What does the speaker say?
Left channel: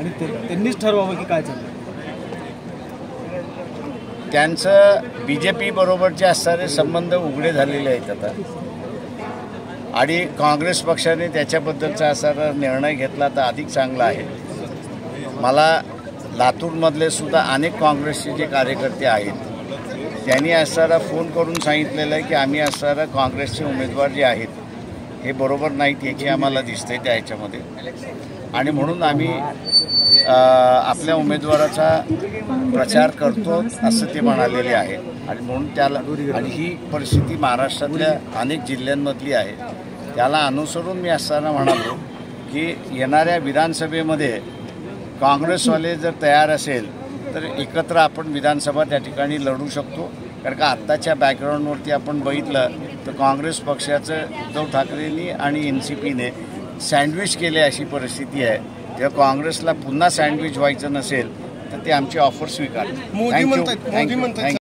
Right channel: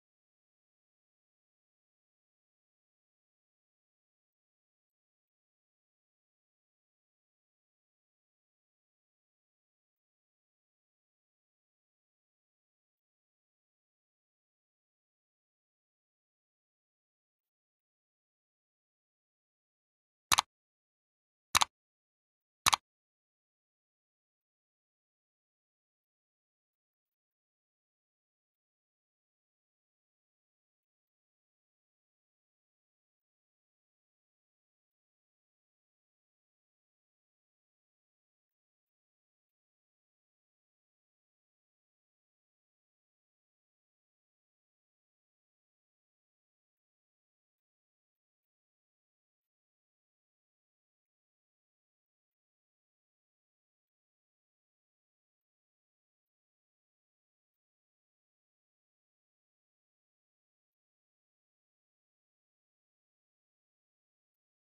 आणि त्यांनीच ठरवावं की काय चाललं. त्यांचं BJP बरोबरचे असणारे संबंध उघडे झालेले आहेत आता, आणि काँग्रेस पक्षाने त्याच्याबद्दलचा असणारा निर्णय घेतला तर अधिक चांगला आहे. मला लातूरमधले सुद्धा अनेक काँग्रेसचे जे कार्यकर्ते आहेत त्यांनी असणारा फोन करून सांगितलेलं आहे की आम्ही असणारा काँग्रेसचे उमेदवार जे आहेत हे बरोबर नाहीत याची आम्हाला दिसतंय त्या ह्याच्यामध्ये, आणि म्हणून आम्ही आपल्या उमेदवाराचा प्रचार करतो असं ते म्हणालेले आहे. आणि म्हणून त्याला, आणि ही परिस्थिती महाराष्ट्रातल्या अनेक जिल्ह्यांमधली आहे, त्याला अनुसरून मी असताना म्हणालो की येणाऱ्या विधानसभेमध्ये काँग्रेसवाले जर तयार असेल तर एकत्र आपण विधानसभा त्या ठिकाणी लढू शकतो. कारण का आत्ताच्या बॅकग्राऊंडवरती आपण बघितलं तर काँग्रेस पक्षाचं उद्धव ठाकरेंनी आणि NCPने सँडविच केले अशी परिस्थिती आहे. तेव्हा काँग्रेसला पुन्हा सँडविच व्हायचं नसेल तर ते आमची ऑफर स्वीकारते. थँक्यू.